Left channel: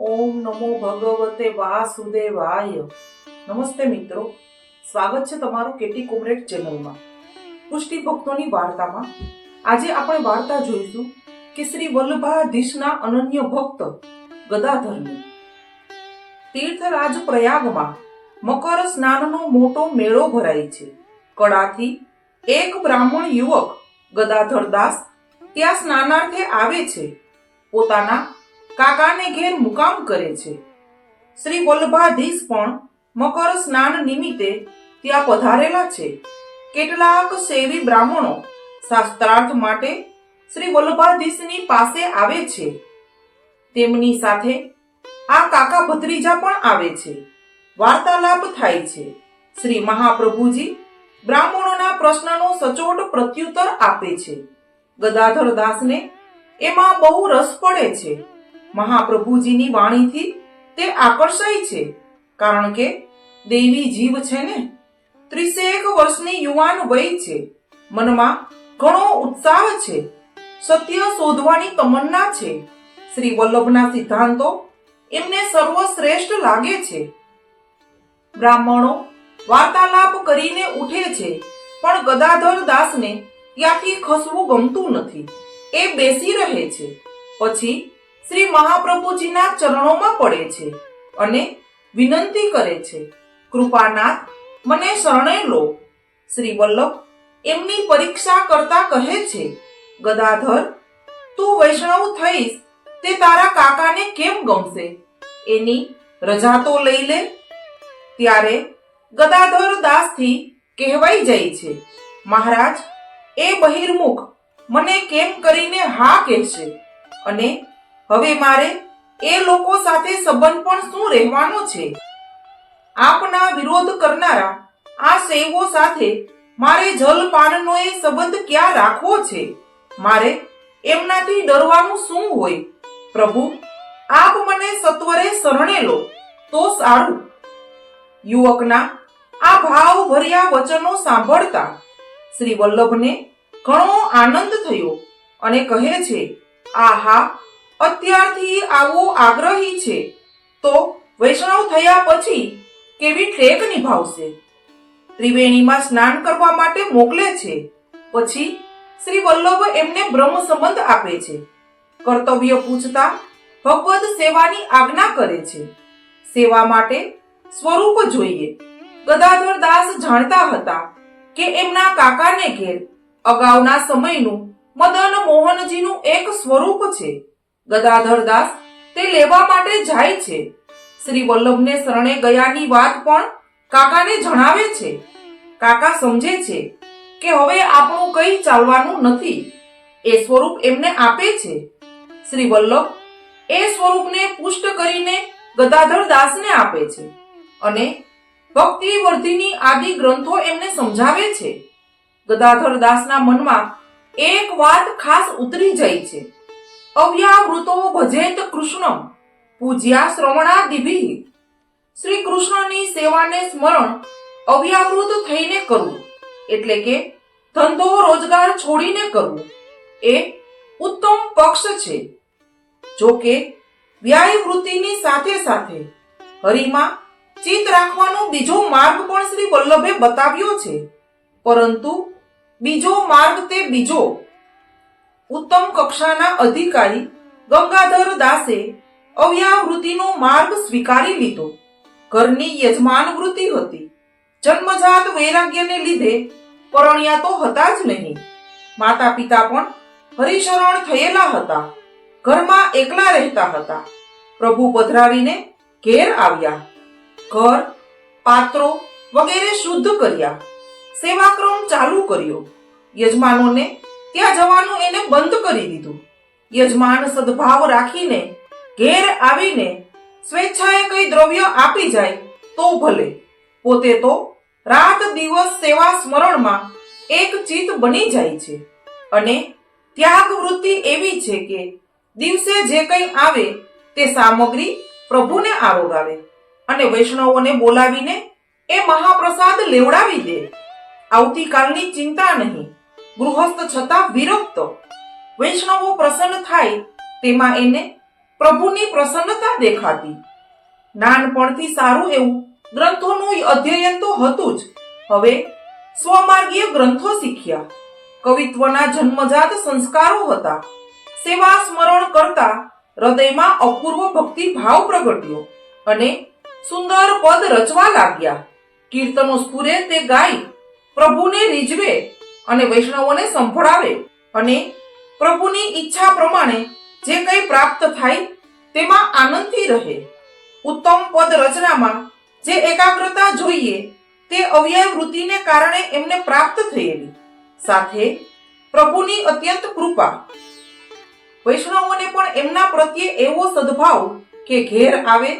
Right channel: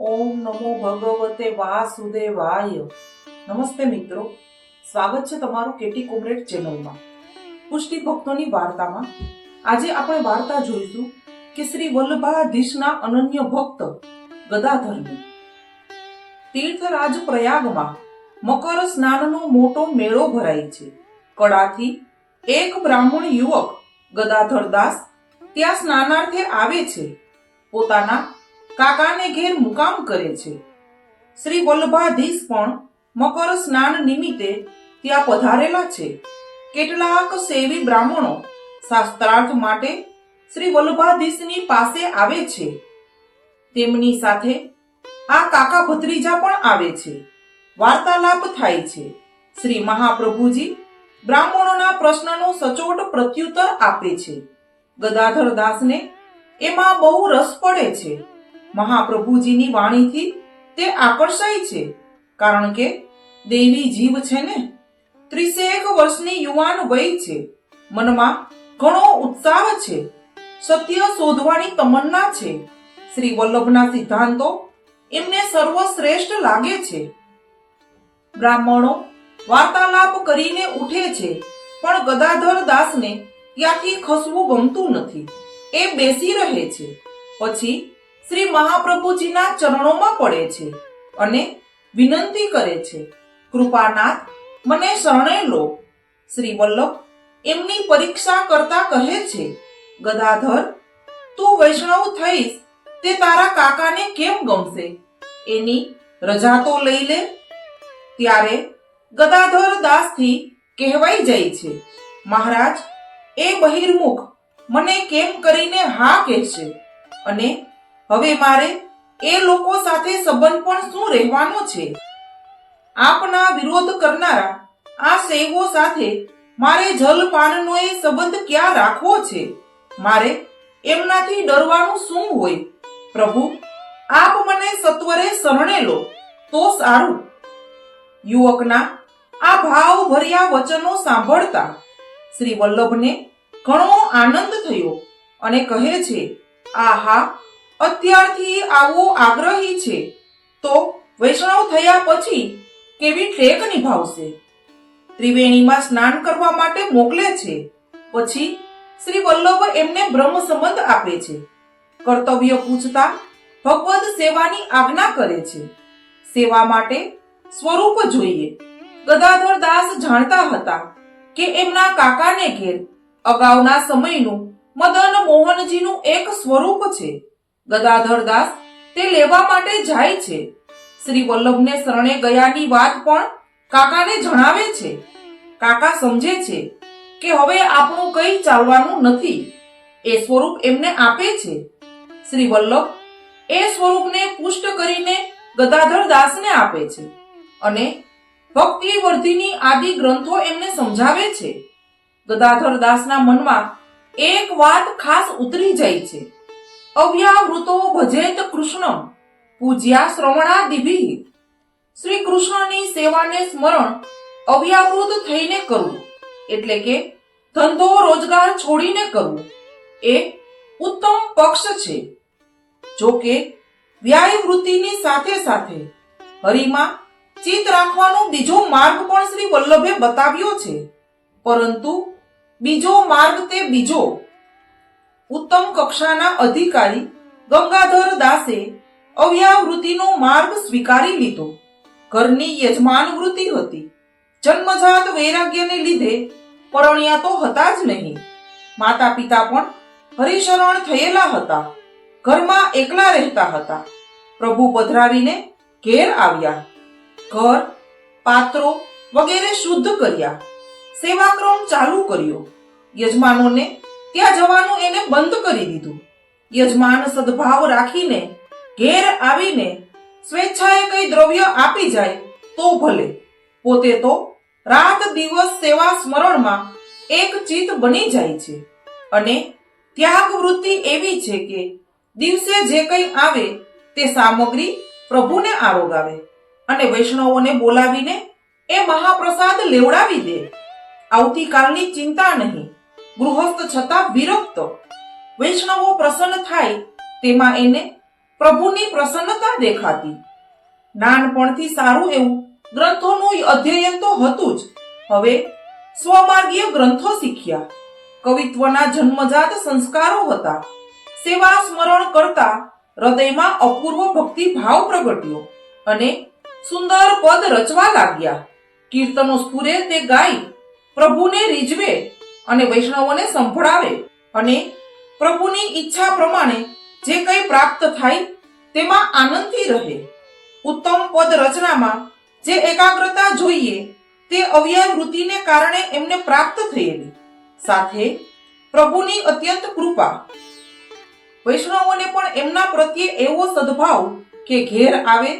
ઓમ નમો ભગવતે વાસુદેવાય. નમસ્તે મિત્રો, સ્વાગત છે તમારું કેટી કોમરેડ ચેનલમાં. પુષ્ટિ ભક્તોની વાર્તામાં આજે આપણે વાર્તા જોઈશું કે શ્રી વલ્લભાધીશના અનન્ય ભક્ત ગદાધરની. તીર્થરાજ પ્રયાગમાં મકર સ્નાનનો મોટો મેળો ભરાય છે. કડાથી એક બ્રાહ્મણ યુવક ગદાધરદાસ ત્યાં સ્નાનાર્થે આવે છે. પોતાના કાકાને ઘેર મુકામ કરે છે. શ્રી વલ્લભાધીશ પણ મકર સ્નાન નિમિત્તે ત્યાં પધારેલા છે. કેટલાક સેવી બ્રાહ્મણો શાસ્ત્રાર્થ માટે શ્રી વલ્લભાધીશની પાસે આવે છે. તેમની સાથે આ કાકા ભત્રીજા પણ આવે છે. વાર્તાલાપ થાય છે. શ્રી મહાપ્રભુજી બ્રાહ્મણોના પ્રશ્નનો સચોટ પ્રત્યુત્તર આપે છે. ગદાધરદાસને એમાં બહુ રસ પડે છે. મહાપ્રભુજીની વાણીથી તે આકર્ષાય છે, કારણ કે દેવી જીવ છે ને. 30 વર્ષની યુવાન વય છે. મનમાં ઘણો ઉત્સાહ છે. સત્ય શોધવાની તમન્ના છે. શ્રી વલ્લભના સિદ્ધાંતો એમને સર્વશ્રેષ્ઠ લાગે છે. બ્રાહ્મણો વાર્તાલાપ કરીને ઉઠે છે, પણ ગદાધર દાસને ત્યાંથી ખસવું ગમતું નથી. એ બેસી રહે છે. પછી શ્રી મહાપ્રભુજીના ચરણોમાં પડે છે અને વિનંતી કરે છે, કૃપાનાથ, મને શરણે લો. શ્રી વલ્લભ એમની પરીક્ષા કરતા કહે છે, ગદાધર, તું વૈષ્ણવ થઈશ તે તારા કાકાને કેમ ગમશે? એની રજા તો લઈ લે. ત્યારે ગદાધર દાસથી કહેવાઈ જાય છે, મહારાજ, એ બહિર્મુખ મને કેમ કરીને હા કહેશે, અને હવે મારે એ લોકો સાથે સંબંધ પણ શું રહેવાનો છે? આપના વિરોધ કરનારા આ શૈવો સાથે મારે જલપાનનો એ સંબંધ ક્યાં રાખવો છે? મારે એમનાથી ડરવાનું શું હોય? પ્રભુ, આપ મને સત્વરે શરણે લો તો સારું. યુવકના આ ભાવ ભર્યા વચનો સાંભળતા શ્રી વલ્લભને ઘણો આનંદ થયો અને કહે છે, આહા, અત્યારથી આવો આગ્રહી છે તો વૈષ્ણવ થયા પછી કેવી ટેક નિભાવશે? ત્રિવેણીમાં સ્નાન કરવા માટે મોકલે છે. પછી શ્રી વલ્લભ એમને બ્રહ્મ સંબંધ આપે છે. કર્તવ્ય પૂછતા ભગવદ સેવાની આજ્ઞા કરે છે. સેવા માટે સ્વરૂપ જોઈએ. ગદાધર દાસ જાણતા હતા કે એમના કાકાને ઘેર અગાઉના સમયનું મદન મોહનજીનું એક સ્વરૂપ છે. ગદાધર દાસ તે લેવા માટે જાય છે. શ્રી વલ્લભને શરણે ગયાની વાત પણ કાકાને જણાવે છે. કાકા સમજે છે કે હવે આપણું કંઈ ચાલવાનું નથી. એ સ્વરૂપ એમને આપે છે. શ્રી વલ્લભ એ સ્વરૂપને પુષ્ટ કરીને ગદાધર દાસને આપે છે અને ભક્તિ વર્ધિની આદિ ગ્રંથો એમને સમજાવે છે. ગદાધર દાસના મનમાં એક વાત ખાસ ઉતરી જાય છે, અવ્યાવૃતો ભજેત કૃષ્ણમ પૂજ્યા શ્રવણાદિભિ. શ્રી કૃષ્ણની સેવાને સ્મરણ અવ્યાવૃત થઈને કરવું, એટલે કે ધંધો રોજગાર છોડીને કરવું, એ ઉત્તમ પક્ષ છે. જો કે વ્યાયવૃત્તિની સાથે સાથે હરિમાં ચિત્ત રાખવાનો બીજો માર્ગ પણ શ્રી વલ્લભે બતાવ્યો છે, પરંતુ બીજો માર્ગ તે બીજો. ઉત્તમ કક્ષાના અધિકારી ગંગાધર દાસે અવ્યાવૃત્તિનો માર્ગ સ્વીકારી લીધો. ઘરની યજમાન વૃત્તિ હતી. જન્મજાત વૈરાગ્યને લીધે પરણ્યા તો હતા જ નહીં. માતા પિતા પણ હરિશરણ થયેલા હતા. ઘરમાં એકલા રહેતા હતા. પ્રભુ પધરાવીને ઘેર આવ્યા. ઘર, પાત્રો વગેરે શુદ્ધ કર્યા. સેવાક્રમ ચાલુ કર્યો. યજમાનોને ત્યાં જવાનું એને બંધ કરી દીધું. યજમાન સદભાવ રાખીને ઘેર આવીને સ્વેચ્છાએ કઈ દ્રવ્ય આપી જાય તો ભલે, પોતે તો રાત દિવસ સેવા સ્મરણમાં એક ચિત્ત બની જાય છે. અને ત્યાગ વૃત્તિ એવી છે કે દિવસે જે કંઈ આવે તે સામગ્રી પ્રભુને આરોગાવે અને વૈષ્ણવોને બોલાવીને એ મહાપ્રસાદ લેવડાવી દે. આવતીકાલની ચિંતા નહીં. ગૃહસ્થ છતાં વિરક્ત. વૈષ્ણવો પ્રસન્ન થાય તેમાં એને પ્રભુની પ્રસન્નતા દેખાતી. નાનપણથી સારું એવું ગ્રંથોનું અધ્યયન તો હતું જ, હવે સ્વમાર્ગીય ગ્રંથો શીખ્યા. કવિત્વના જન્મજાત સંસ્કારો હતા. સેવા સ્મરણ કરતા હૃદયમાં અપૂર્વ ભક્તિ ભાવ પ્રગટ્યો અને સુંદર પદ રચવા લાગ્યા. કીર્તનો સ્ફુરે તે ગાય, પ્રભુને રીઝવે અને વૈષ્ણવોને સંભળાવે અને પ્રભુની ઈચ્છા પ્રમાણે જે કંઈ પ્રાપ્ત થાય તેમાં આનંદથી રહે. ઉત્તમ પદ રચનામાં જે એકાગ્રતા જોઈએ તે અવ્યય વૃત્તિને કારણે એમને પ્રાપ્ત થયેલી, સાથે પ્રભુની અત્યંત કૃપા. વૈષ્ણવોને પણ એમના પ્રત્યે એવો સદભાવ કે ઘેર આવે,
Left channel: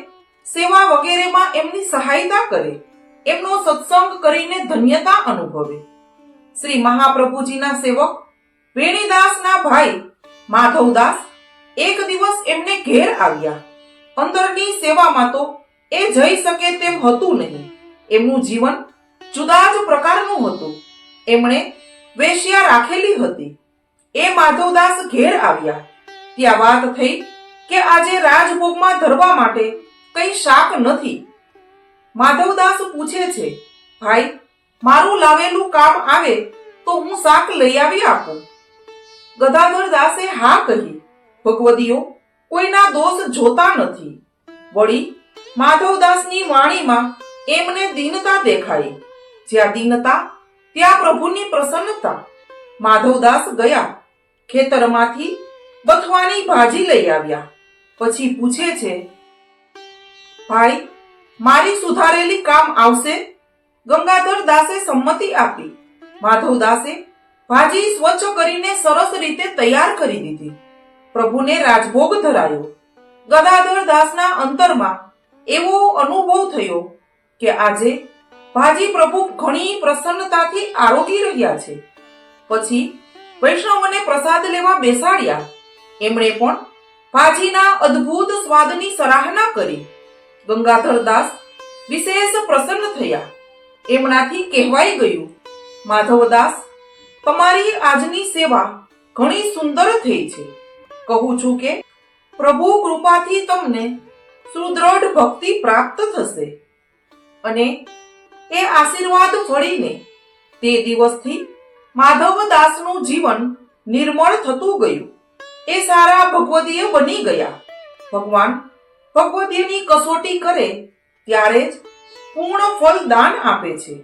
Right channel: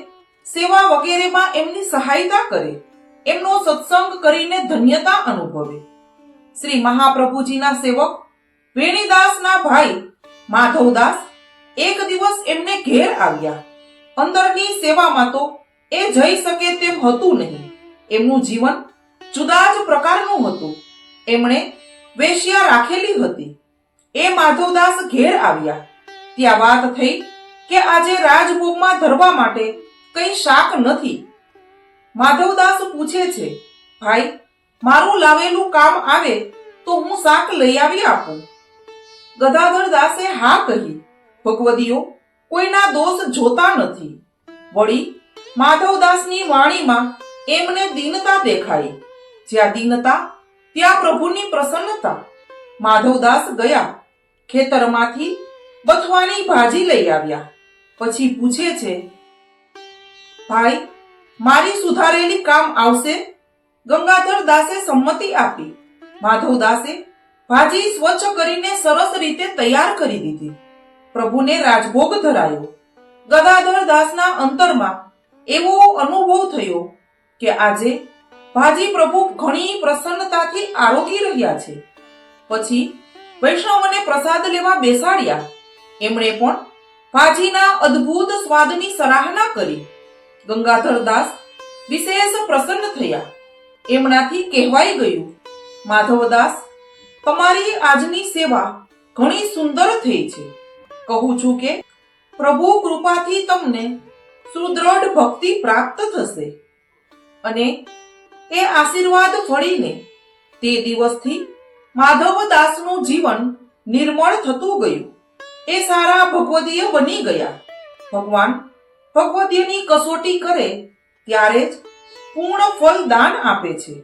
સેવા વગેરેમાં એમની સહાયતા કરે, એમનો સત્સંગ કરીને ધન્યતા અનુભવે. શ્રી મહાપ્રભુજીના સેવક વેણીદાસના ભાઈ માધવદાસ એક દિવસ એમને ઘેર આવ્યા. અંદરની સેવામાં તો એ જઈ શકે તેમ હતું નહીં. એમનું જીવન જુદા જ પ્રકારનું હતું. એમણે વેશ્યા રાખેલી હતી. એ માધવદાસ ઘેર આવ્યા ત્યાં વાત થઈ કે આજે રાજભોગમાં ધરવા માટે કઈ શાક નથી. માધવદાસ પૂછે છે, ભાઈ, મારું લાવેલું કામ આવે તો હું શાક લઈ આવી આપું. ગદાધર દાસે હા કહી. ભગવદીઓ કોઈના દોષ જોતા નથી. વળી માધવદાસની વાણીમાં એમને દીનતા દેખાઈ. જ્યાં દીનતા ત્યાં પ્રભુની પ્રસન્નતા. માધવદાસ ગયા, ખેતરમાંથી બથવાની ભાજી લઈ આવ્યા. પછી પૂછે છે, ભાઈ, મારી સુધારેલી કામ આવશે? ગંગાધર દાસે સંમતિ આપી. માધવદાસે ભાજી સ્વચ્છ કરીને સરસ રીતે તૈયાર કરી દીધી. પ્રભુને રાજભોગ ધરાયો. ગદાધર દાસના અંતરમાં એવો અનુભવ થયો કે આજે ભાજી પ્રભુ ઘણી પ્રસન્નતાથી આરોગી રહ્યા છે. પછી વૈષ્ણવને પ્રસાદ લેવા બેસાડ્યા. એમણે પણ ભાજીના અદ્ભુત સ્વાદની સરાહના કરી. ગંગાધર દાસ વિશેષ પ્રસન્ન થયા. એમનાથી કહેવાઈ ગયું, માધવદાસ, તમારી આજની સેવા ઘણી સુંદર થઈ છે. કહું છું કે પ્રભુ કૃપાથી તમને સુદ્રઢ ભક્તિ પ્રાપ્ત થશે. અને એ આશીર્વાદ ફળીને તે દિવસથી માધવદાસનું જીવન નિર્મળ થતું ગયું. એ સારા ભગવદીય બની ગયા. ભગવાન ભગવદીયની કસોટી કરે ત્યારે જ પૂર્ણ ફળ દાન આપે છે.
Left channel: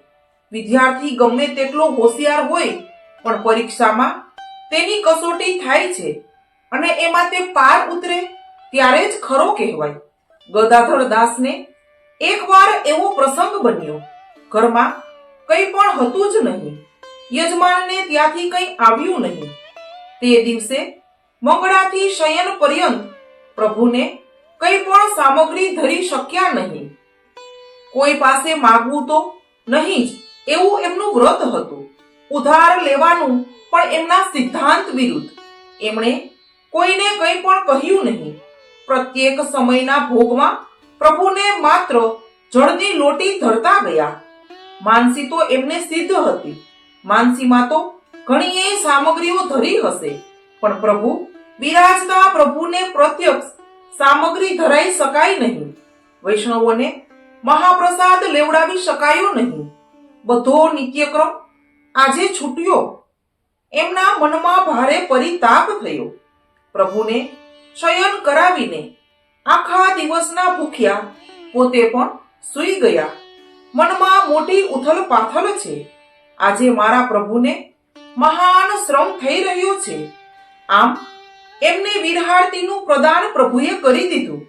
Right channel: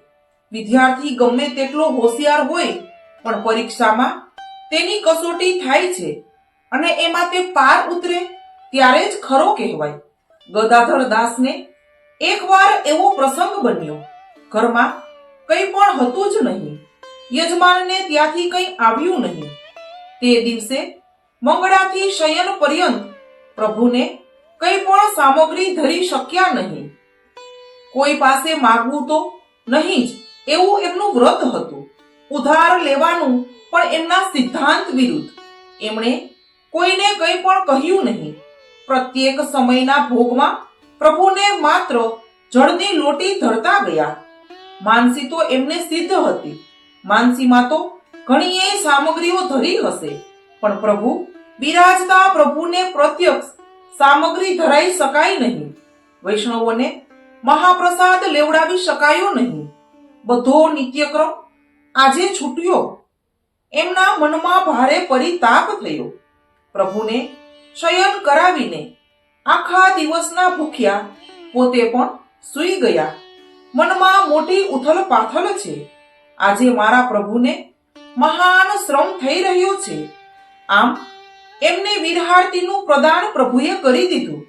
વિદ્યાર્થી ગમે તેટલો હોશિયાર હોય પણ પરીક્ષામાં તેની કસોટી થાય છે અને એમાં તે પાર ઉતરે ત્યારે જ ખરો કહેવાય. ગદાધર દાસને એકવાર એવો પ્રસંગ બન્યો. ઘરમાં કંઈ પણ હતું જ નહીં. યજમાનને ત્યાંથી કંઈ આવ્યું નહીં. તે દિવસે મંગળાથી શયન પર્યંત પ્રભુને કંઈ પણ સામગ્રી ધરી શક્યા નહીં. કોઈ પાસે માગવું તો નહીં જ એવું એમનું વ્રત હતું. ઉધાર લેવાનું પણ એમના સિદ્ધાંત વિરુદ્ધ. એમણે કોઈને કંઈ પણ કહ્યું નહીં. પ્રત્યેક સમયના ભોગમાં પ્રભુને માત્ર જળની લોટી ધરતા ગયા. માનસી તો એમને સિદ્ધ હતી. માનસીમાં તો ઘણીએ સામગ્રીઓ ધરી હશે, પણ પ્રભુ બિરાજતા પ્રભુને પ્રત્યક્ષ સામગ્રી ધરાઈ શકાય નહીં. વૈષ્ણવોને મહાપ્રસાદ લેવડાવી શકાયો નહીં. બધો નિત્યક્રમ આજે છૂટ્યો. એમના મનમાં ભારે પરિતાપ થયો. પ્રભુને શયન કરાવીને આખા દિવસના ભૂખ્યા પોતે પણ સૂઈ ગયા. મનમાં મોટી ઉથલ પાથલ છે. આજે મારા પ્રભુને મહાન શ્રમ થઈ રહ્યો છે. આમ એમને વિરહાર્થીનું પ્રદાન પ્રભુએ કરી દીધું.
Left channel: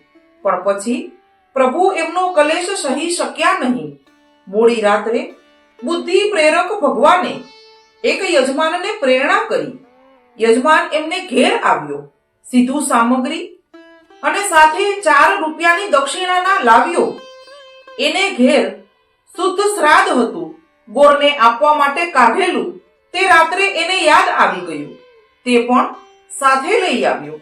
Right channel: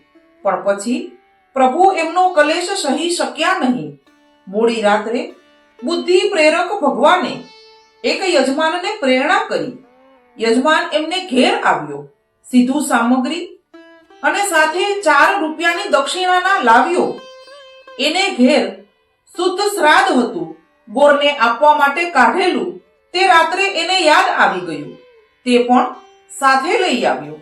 પણ પછી પ્રભુ એમનો કલેશ સહી શક્યા નહીં. મોડી રાત્રે બુદ્ધિ પ્રેરક ભગવાને એક યજમાનને પ્રેરણા કરી. યજમાન એમને ઘેર આવ્યો. સીધું સામગ્રી અને સાથે 4 રૂપિયાની દક્ષિણાના લાવ્યો. એને ઘેર શુદ્ધ શ્રાદ્ધ હતું. ગોળને આપવા માટે કાઢેલું તે રાત્રે એને યાદ આવી ગયું. તે પણ સાથે લઈ આવ્યો.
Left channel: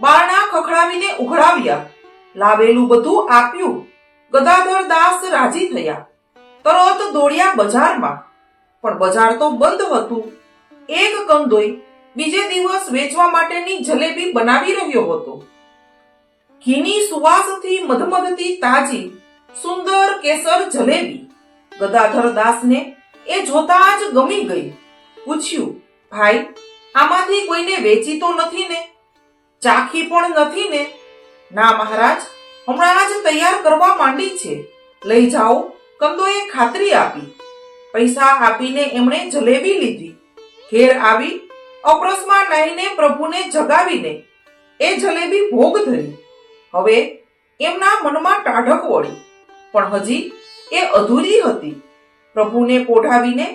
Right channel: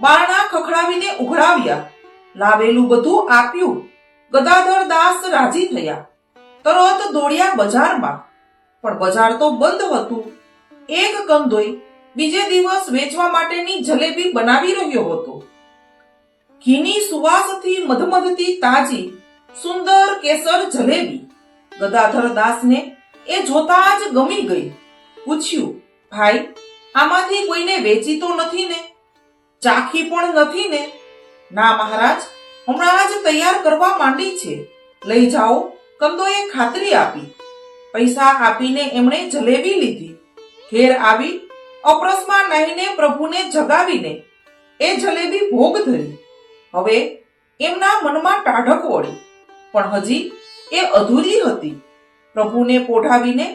બારણા ખખડાવીને ઉઘડાવ્યા. લાવેલું બધું આપ્યું. ગદાધર દાસ રાજી થયા. તરત દોડ્યા બજારમાં. પણ બજાર તો બંધ હતું. એક કંદોઈ બીજે દિવસ વેચવા માટેની જલેબી બનાવી રહ્યો હતો. ઘીની સુવાસથી મધમધતી તાજી સુંદર કેસર જલેબી ગદાધર દાસને એ જોતા જ ગમી ગઈ. પૂછ્યું, ભાઈ, આમાંથી કોઈને વેચી તો નથી ને? ચાખી પણ નથી ને? ના મહારાજ, હમણાં જ તૈયાર કરવા માંડી છે, લઈ જાઓ. કંદોએ ખાતરી આપી. પૈસા આપીને એમણે જલેબી લીધી. ઘેર આવી અપરસમાં નાહીને પ્રભુને જગાવીને એ જલેબી ભોગ ધરી. હવે એમના મનમાં ટાઢક વળી, પણ હજી એ અધૂરી હતી. પ્રભુને પોઢાવીને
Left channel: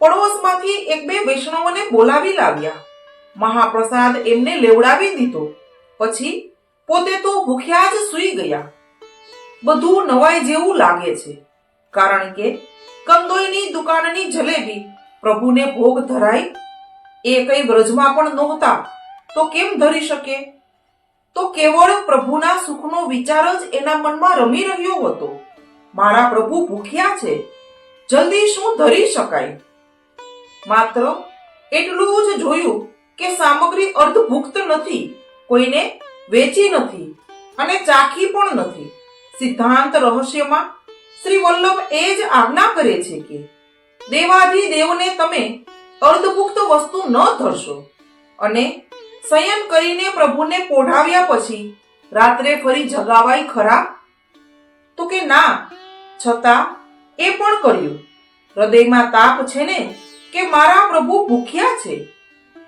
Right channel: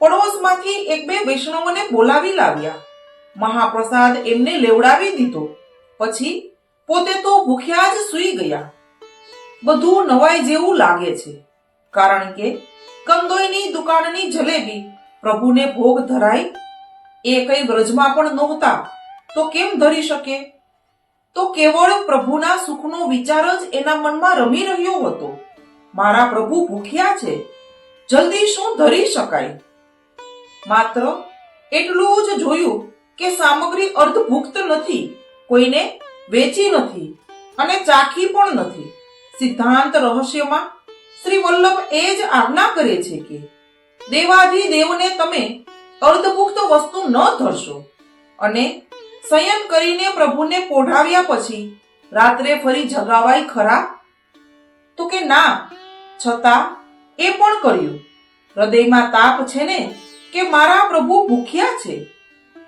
પડોશમાંથી એક બે વૈષ્ણવોને બોલાવી લાવ્યા. મહાપ્રસાદ એમને લેવડાવી દીધો. પછી પોતે તો ભૂખ્યા જ સૂઈ ગયા. બધું નવાઈ જેવું લાગે છે, કારણ કે કંદોઈની દુકાનની જલેબી પ્રભુને ભોગ ધરાઈ. એ કઈ વ્રજમાં પણ નહોતા તો કેમ ધરી શકે? તો કેવળ પ્રભુના સુખનો વિચાર જ એના મનમાં રમી રહ્યો હતો. મારા પ્રભુ ભૂખ્યા છે, જલ્દી શું ધરી શકાય? માત્ર એટલું જ જોયું કે સામગ્રી અર્ધભુક્ત નથી, કોઈને વેચી નથી અને ચાખી પણ નથી. સિદ્ધાંત રહસ્યમાં શ્રી વલ્લભ એ જ આજ્ઞા કરે છે કે દેવાધિદેવને તમે અર્ધભુક્ત વસ્તુ ન ધરશો. અને શયન કરીને પ્રભુને પોઢાવ્યા પછી રાત્રે ફરી જગાવાય ખરા? તો કે ના, છતાં એ પણ કર્યું. હૃદયમાં તાપ છે ને કે મારા પ્રભુ ભૂખ્યા છે,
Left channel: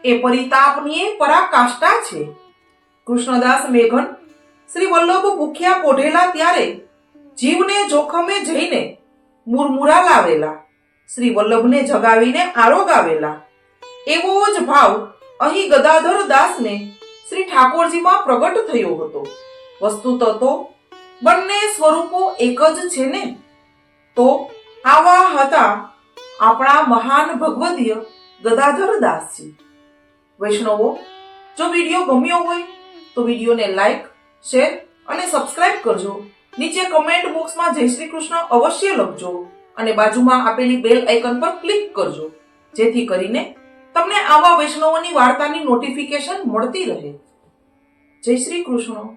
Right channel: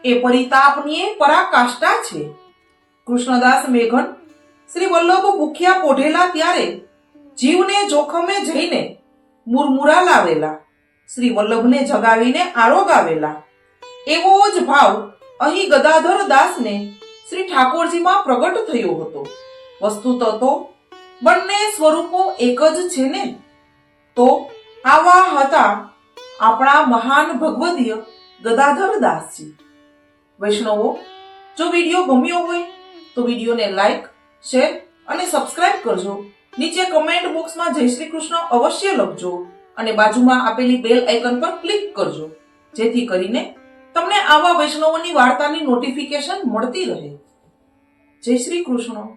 એ પરિતાપની પરાકાષ્ઠા છે. કૃષ્ણદાસ મેઘન શ્રી વલ્લભ ભૂખ્યા પોઢેલા ત્યારે જીવને જોખમે જઈને મુરમુરા લાવેલા, શ્રી વલ્લભને જગાવીને આરોગાવેલા. એવો જ ભાવ અહીં ગદાધર દાસને શ્રી ઠાકોરજીમાં પ્રગટ થયો હતો. વસ્તુત તો બંને સ્વરૂપો એક જ છે ને? તો આવા હતા આપણા મહાન ભગવદીય ગદાધર દાસજી. વૈષ્ણવો, જો વિડીયો ગમ્યો હોય તો વિડીયોને લાઈક, શેર અને સબસ્ક્રાઇબ કરજો. નીચે કમેન્ટ બોક્સમાં જય શ્રી કૃષ્ણ અવશ્ય લખજો અને બાજુમાં આપેલી બેલ આઇકન પર ક્લિક કરજો, જેથી કરીને તમને આવા વૈષ્ણવોની વાર્તાની નોટિફિકેશન મળતી રહે. જય શ્રી કૃષ્ણ.